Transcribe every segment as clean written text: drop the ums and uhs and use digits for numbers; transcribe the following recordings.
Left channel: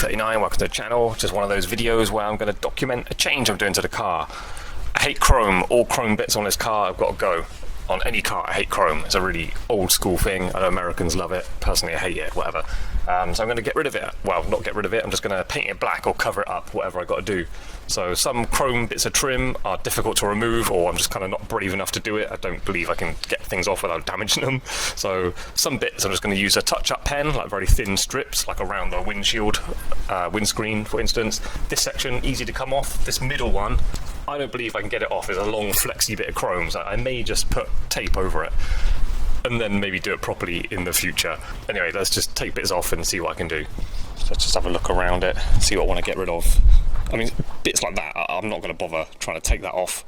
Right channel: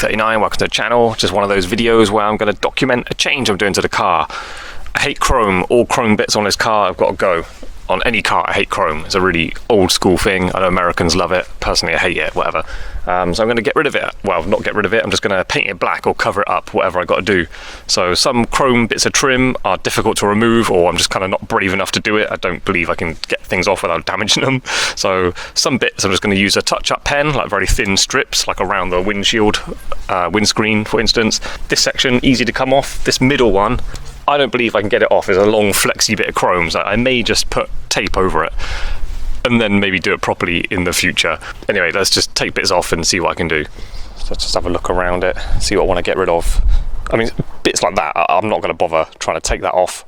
Bodged39, welcome to the channel. Just one of those videos where I'm going to document a change I'm doing to the car. I hate chrome. All chrome bits on this car have got to go. On any car, I hate chrome. It's a really old school thing. I know Americans love it. Personally, I hate it, whatever. So I'm going to get rid of it. Well, not get rid of it. I'm just going to paint it black or cover it up, whatever I got to do. So some chrome bits of trim are difficult to remove, or I'm just kind of not brave enough to do it. I don't believe I can get things off without damaging them. So some bits I'm just going to use a touch-up pen, like very thin strips, like around the windshield, windscreen, for instance. This section, easy to come off. This middle one, I don't believe I can get it off. It's a long flexy bit of chrome, so I may just put tape over it and then maybe do it properly in the future. Anyway, let's just take bits off and see what I can do. So let's just have a look around it, see what I want to get rid of. I mean, bits like that, I'm not going to bother trying to take that off.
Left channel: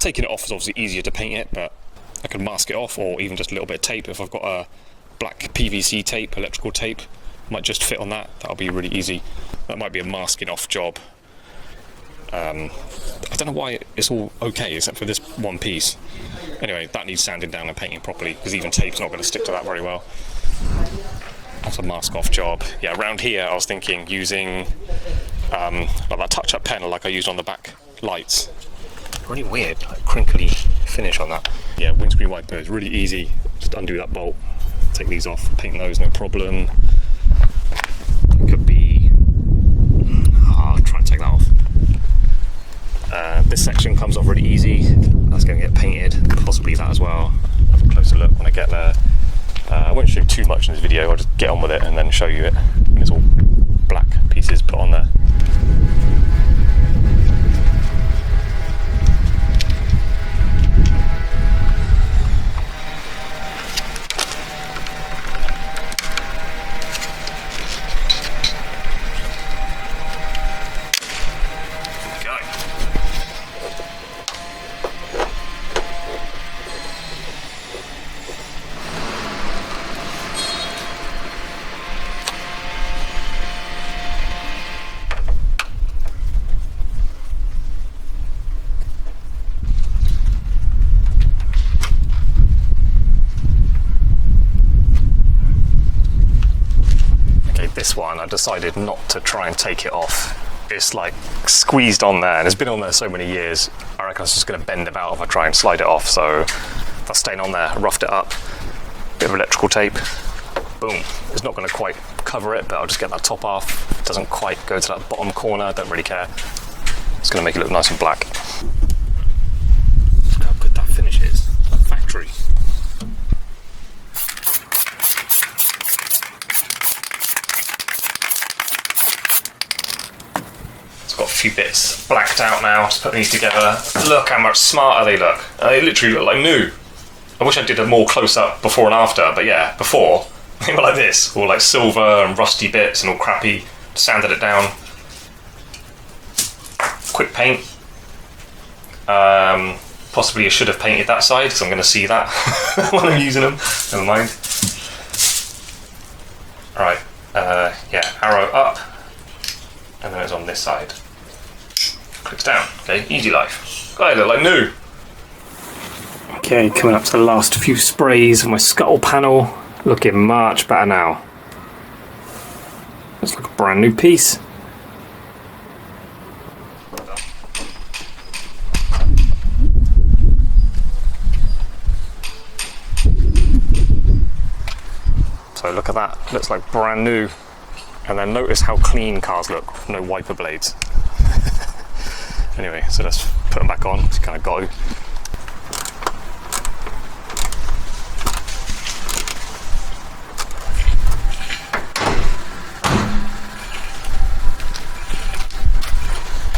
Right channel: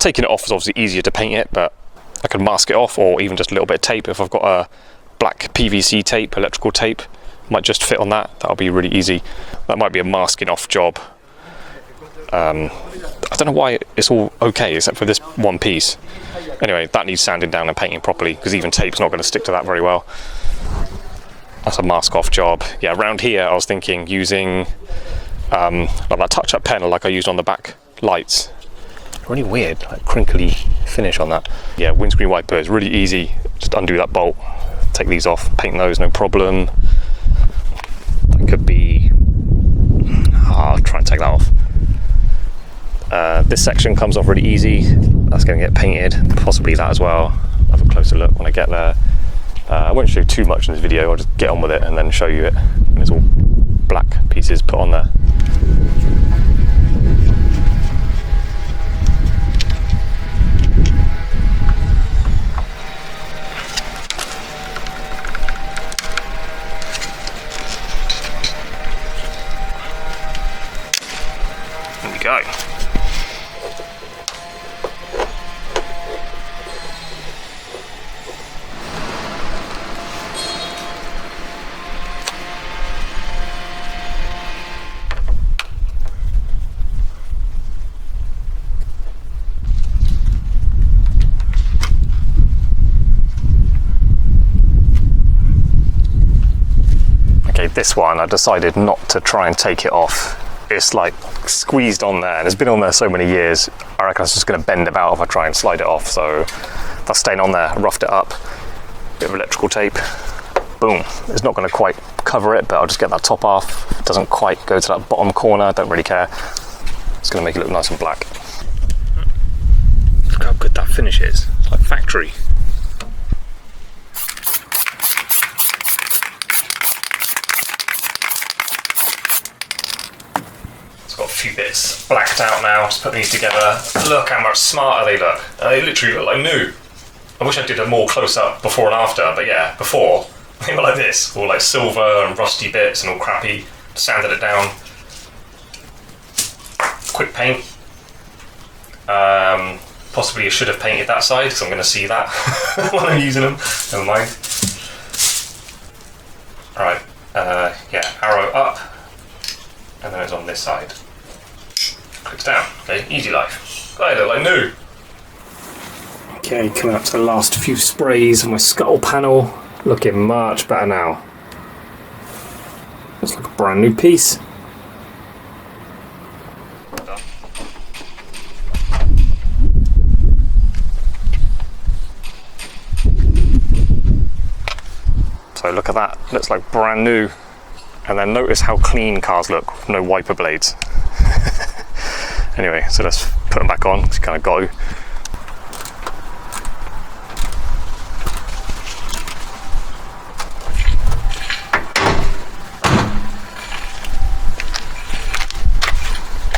Taking it off is obviously easier to paint it, but I can mask it off, or even just a little bit of tape. If I've got a black PVC tape, electrical tape, might just fit on that. That'll be really easy. That might be a masking off job. I don't know why it's all okay except for this one piece. Anyway, that needs sanding down and painting properly, because even tape's not going to stick to that very well. That's a mask off job. Yeah, around here I was thinking using like that touch-up pen like I used on the back lights. Really weird, like crinkly finish on that. Yeah, windscreen wiper is really easy. Just undo that bolt, take these off, paint those, no problem. That could be... I'll try and take that off. This section comes off really easy. That's going to get painted, possibly that as well. I'll have a closer look when I get there. I won't show you too much in this video. I'll just get on with it and then show you it when it's all black pieces put on there. There we go. Okay, this one I decided not to try and take it off. It's like squeezed on there, and it's been on there so many years. I reckon it's just going to bend about if I try and slide it off. So that's staying on there. I roughed it up. Bit of electrical tape. Boom. It's not going to quite cover it, but I'll just get that top off. It doesn't quite go to that bottom corner. I don't really care. It's going to make it look nice and black. Look how good that finish is. It's like factory. Got a few bits blacked out now. Just put these together. Look how much smarter they look. They literally look like new. I wish I did a more close-up before and after, but yeah, before they were like this, all like silver and rusty bits and all crappy. Sanded it down. Quick paint. Possibly I should have painted that side, because I'm going to see that when I'm using them. Never mind. Alright, yeah, arrow up, and then it's on this side. Clicks down. Okay, easy life. Oh, they look like new. Okay, coming up to the last few sprays on my scuttle panel. Looking much better now. Looks like a brand new piece. So look at that. Looks like brand new. And then notice how clean cars look. No wiper blades. Anyway, so let's put them back on. It's kind of got to.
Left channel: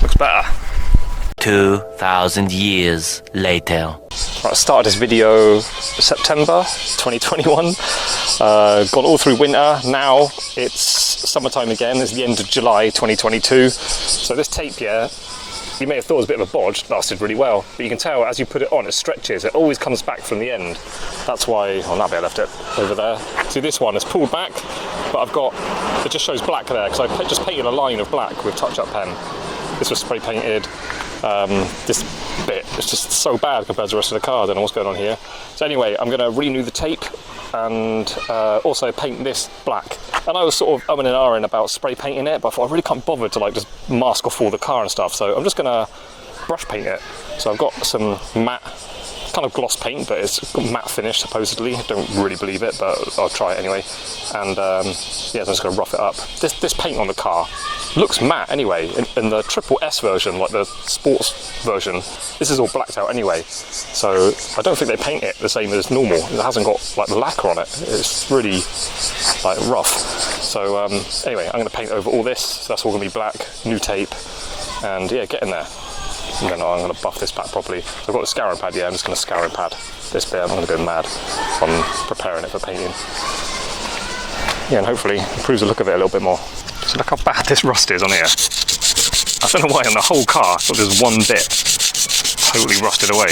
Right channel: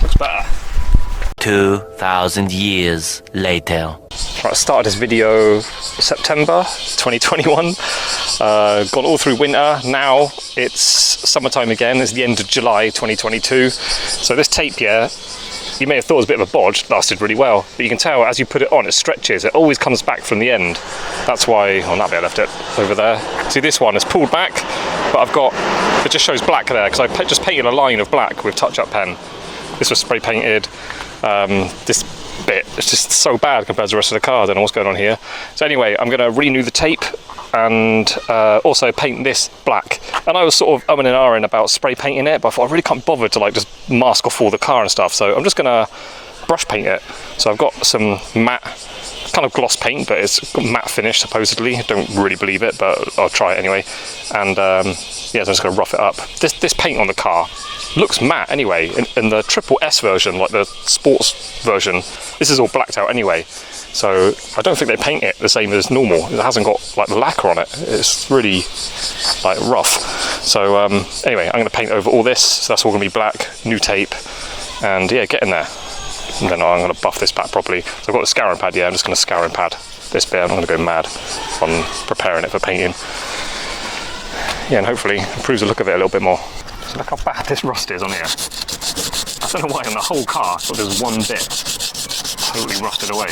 Looks better. 2,000 years later. Right, I started this video September 2021. Gone all through winter. Now it's summertime again. It's the end of July 2022. So this tape here, you may have thought it was a bit of a bodge, lasted really well, but you can tell as you put it on, it stretches. It always comes back from the end. That's why, on that bit I left it over there. See, this one is pulled back, but I've got, it just shows black there, because I just painted a line of black with touch-up pen. This was spray painted. This bit is just so bad compared to the rest of the car. I don't know what's going on here. So anyway, I'm going to renew the tape and also paint this black. And I was sort of umming and ahhing about spray painting it, but I thought I really can't bother to like just mask off all the car and stuff, so I'm just gonna brush paint it. So I've got some matte kind of gloss paint, but it's got matte finish supposedly. I don't really believe it, but I'll try it anyway. And yeah, so I'm just gonna rough it up. This paint on the car looks matte anyway. In the triple S version, like the sports version, this is all blacked out anyway. So I don't think they paint it the same as normal. It hasn't got like the lacquer on it. It's really like rough. So anyway, I'm gonna paint over all this. So that's all gonna be black, new tape, and yeah, get in there. And then I'm going to buff this back properly. So I've got the scouring pad, yeah, I'm just going to scouring pad this bit. I'm going to go mad on preparing it for painting. Yeah, and hopefully improves the look of it a little bit more. So look how bad this rust is on here. I don't know why on the whole car, but there's one bit totally rusted away.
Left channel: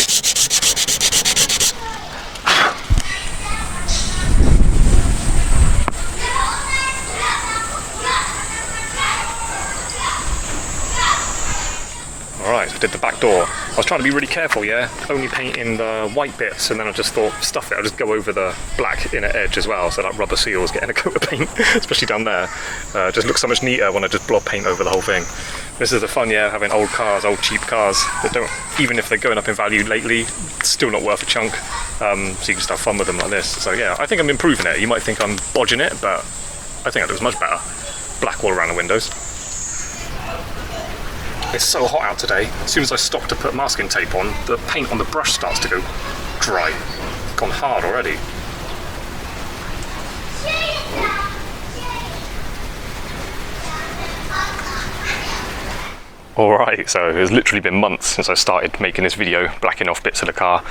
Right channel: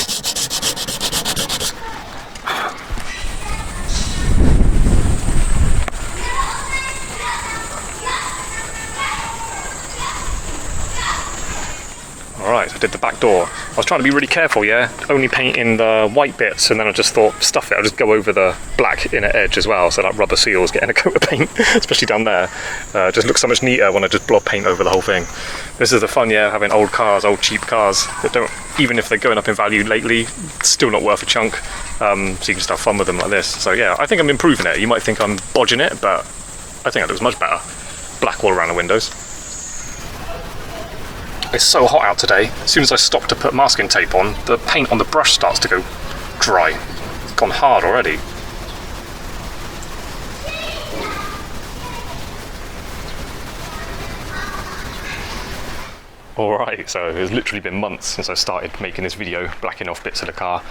Alright, so I did the back door. I was trying to be really careful, yeah, only painting the white bits, and then I just thought, stuff it, I'll just go over the black inner edge as well, so that rubber seals getting a coat of paint, especially down there. Just looks so much neater when I just blob paint over the whole thing. This is the fun, yeah, having old cars, old cheap cars, that don't, even if they're going up in value lately, still not worth a chunk, so you can just have fun with them like this. So yeah, I think I'm improving it. You might think I'm bodging it, but I think it looks much better. Black all around the windows. It's so hot out today. As soon as I stop to put masking tape on, the paint on the brush starts to go dry. It's gone hard already. Alright, so it's literally been months since I started making this video, blacking off bits of the car.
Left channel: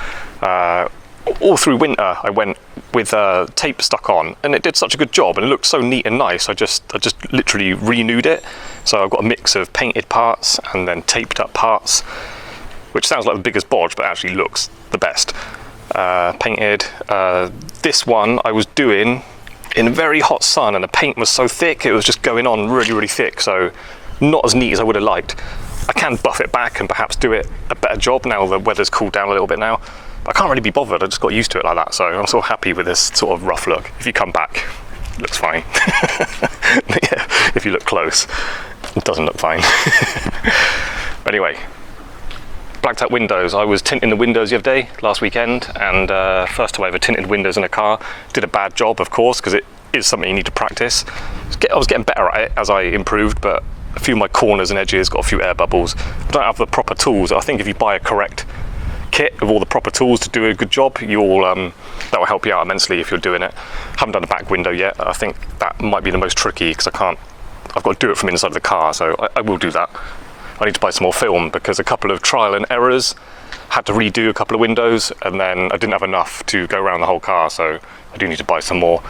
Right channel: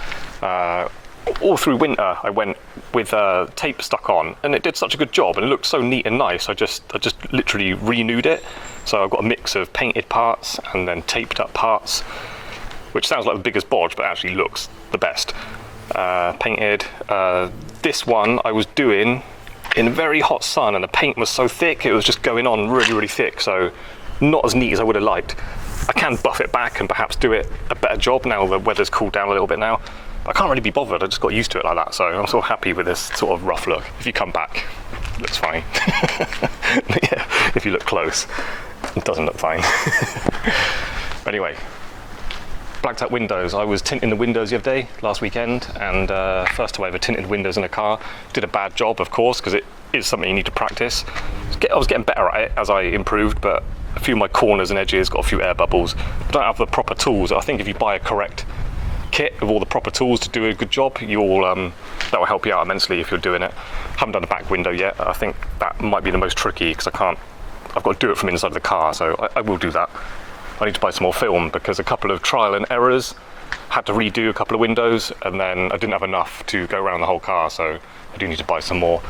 All through winter I went with tape stuck on, and it did such a good job and it looked so neat and nice. I just literally renewed it. So I've got a mix of painted parts and then taped up parts, which sounds like the biggest bodge, but actually looks the best. Painted. This one I was doing in very hot sun, and the paint was so thick, it was just going on really, really thick. So not as neat as I would have liked. I can buff it back and perhaps do it a better job now the weather's cooled down a little bit now. But I can't really be bothered, I just got used to it like that. So I'm sort of happy with this sort of rough look. If you come back, it looks fine. But yeah, if you look close, it doesn't look fine. But anyway, blacked out windows. I was tinting the windows the other day, last weekend, and first time I ever tinted windows in a car. Did a bad job, of course, because it is something you need to practice. I was getting better at it as I improved, but a few of my corners and edges got a few air bubbles. I don't have the proper tools. I think if you buy a correct kit of all the proper tools to do a good job, that will help you out immensely if you're doing it. Haven't done a back window yet. I think that might be the most tricky because I've got to do it from inside the car, so I will do that. I need to buy some more film because a couple of trial and errors, had to redo a couple of windows, and then I didn't have enough to go around the whole car, so I do need to buy some more.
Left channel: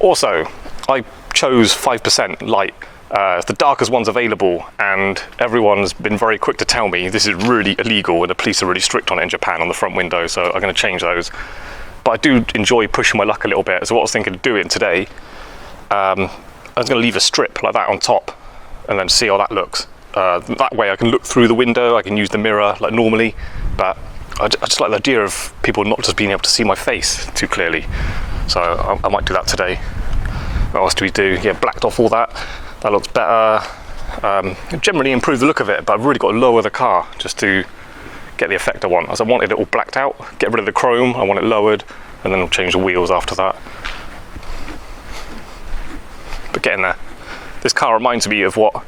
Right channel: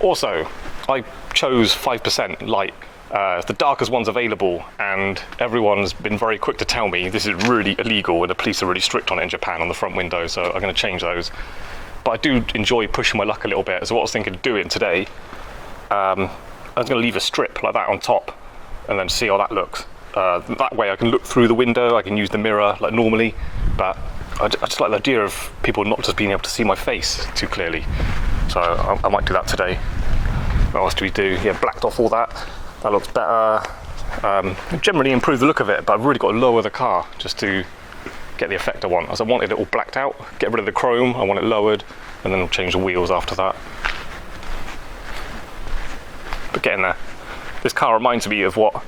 Also, I chose 5% light. It's the darkest ones available, and everyone's been very quick to tell me this is really illegal, and the police are really strict on it in Japan on the front window, so I'm going to change those. But I do enjoy pushing my luck a little bit, so what I was thinking of doing today, I was going to leave a strip like that on top and then see how that looks. That way I can look through the window, I can use the mirror like normally, but I just like the idea of people not just being able to see my face too clearly. So I might do that today. What else do we do? Yeah, blacked off all that. That looks better. Generally improve the look of it, but I've really got to lower the car just to get the effect I want. As I wanted it all blacked out, get rid of the chrome, I want it lowered, and then I'll change the wheels after that. But getting there. This car reminds me of what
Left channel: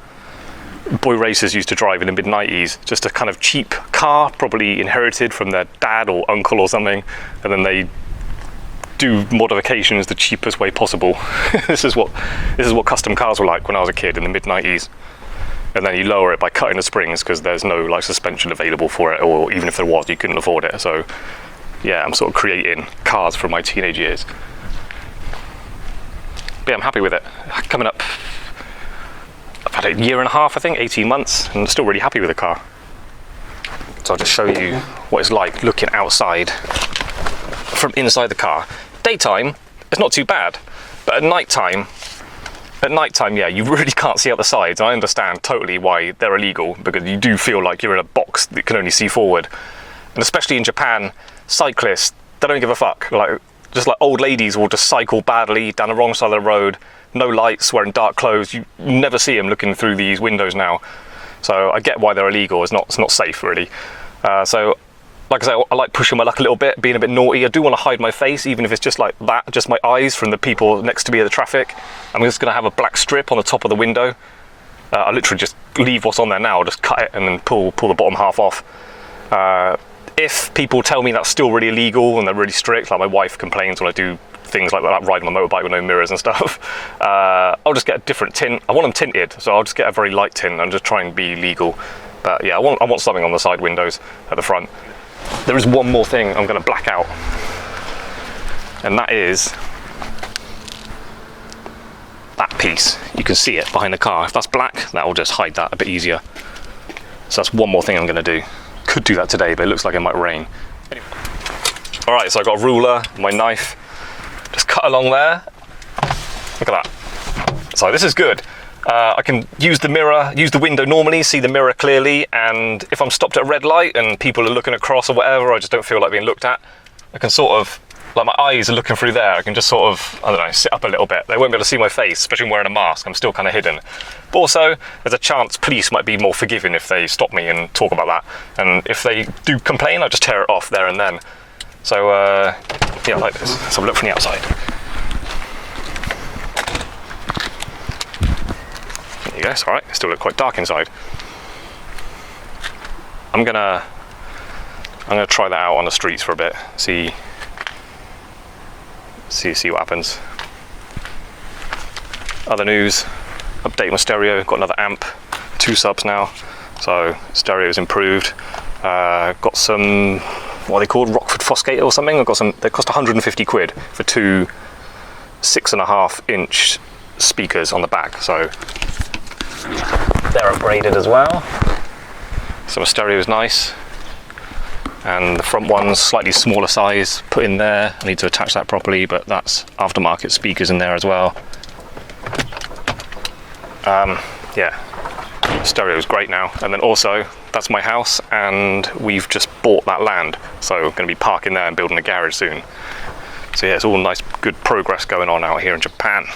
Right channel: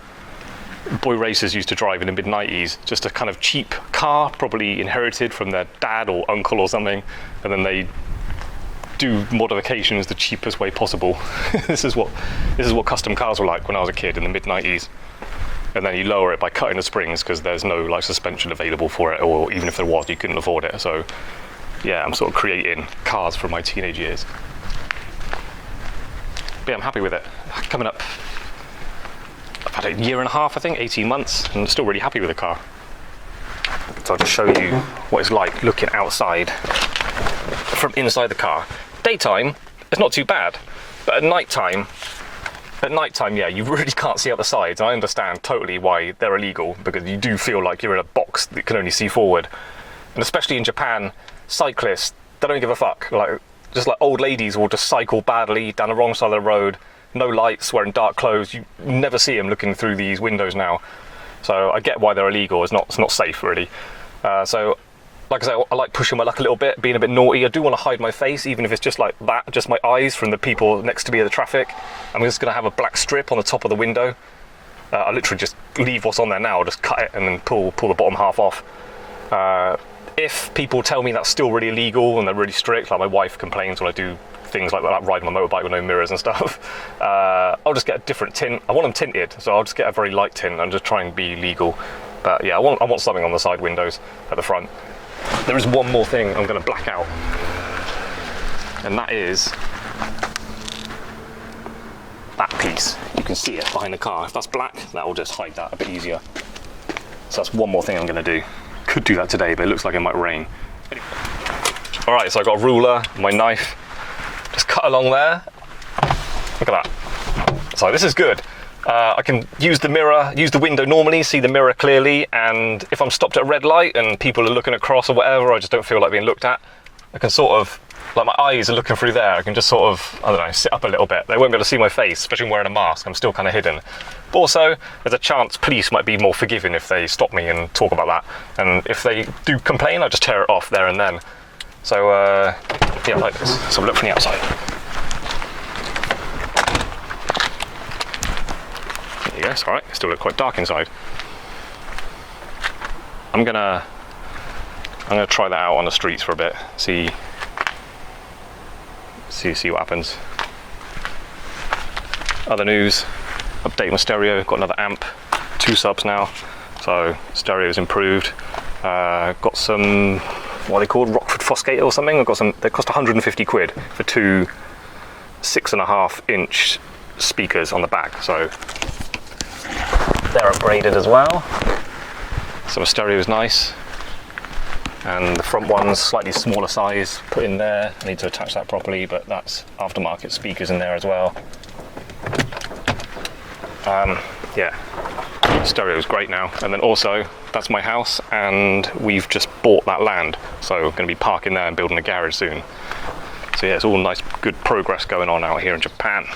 boy racers used to drive in the mid-90s. Just a kind of cheap car, probably inherited from their dad or uncle or something, and then they do modifications the cheapest way possible. This is what custom cars were like when I was a kid in the mid-90s. And then you lower it by cutting the springs because there's no like suspension available for it, or even if there was, you couldn't afford it. So yeah, I'm sort of creating cars from my teenage years. But yeah, I'm happy with it. Coming up, I've had a year and a half, I think, 18 months, and I'm still really happy with the car. So I'll just show you what it's like looking outside from inside the car. Daytime, it's not too bad, but at night time, yeah, you really can't see out the sides. I understand totally why they're illegal, because you do feel like you're in a box that can only see forward. And especially in Japan, cyclists, they don't give a fuck. Like, just like old ladies will just cycle badly down the wrong side of the road, no lights, wearing dark clothes. You never see them looking through these windows now. So I get why they're illegal. It's not safe really. So like I say, I like pushing my luck a little bit, being a bit naughty. I do want to hide my face, even if it's just like that, just my eyes from the people next to me in the traffic. I'm just going to have a black strip on the top of the window. I literally just leave what's on there now, just cut it and then pull the bottom half off. If people tell me that's still really illegal and they're really strict, like my wife complains when I do things like that, riding my motorbike with no mirrors and stuff, I'll just get a different tint. I want them tinted, so I'll just get a very light tint and just try and be legal. But yeah, I want something on the side windows at the front. There is one more thing I'm going to black out, and that is that piece. You can see it behind the car. If that's black, that will just hide that a bit easier. So that's one more thing I'm going to do. Could do that today, but it looks like it might rain. All right, so I've got a ruler, my knife, just cut along there. Look at that. So this is good. I can use the mirror, use the window normally, see the mirror clearly, and if I'm stopped at a red light and people are looking across or whatever, I just don't feel like being looked at, I can sort of, like my eyes are looking through there, I can just sort of, I don't know, sit up a little bit. They won't be able to see my face, especially when wearing a mask. I'm still kind of hidden. But also, there's a chance police might be more forgiving if they stop me and talk about that. And if they do complain, I just tear it off there and then. So, yeah, like this. So look from the outside. There you go, it's all right. It still look quite dark inside. I'm gonna try that out on the streets for a bit. See what happens. Other news, update my stereo, got another amp, 2 subs now, so stereo's improved. Got some, what are they called, Rockford Fosgate or something. I've got some, they cost 150 quid for 2 6.5-inch speakers on the back, so they're upgraded as well. So my stereo is nice, and the front one's slightly smaller size put in there. I need to attach that properly, but that's aftermarket speakers in there as well. Yeah, stereo is great now. And then also, that's my house, and we've just bought that land, so we're going to be parking there and building a garage soon. So yeah, it's all nice, good progress going on out here in Japan.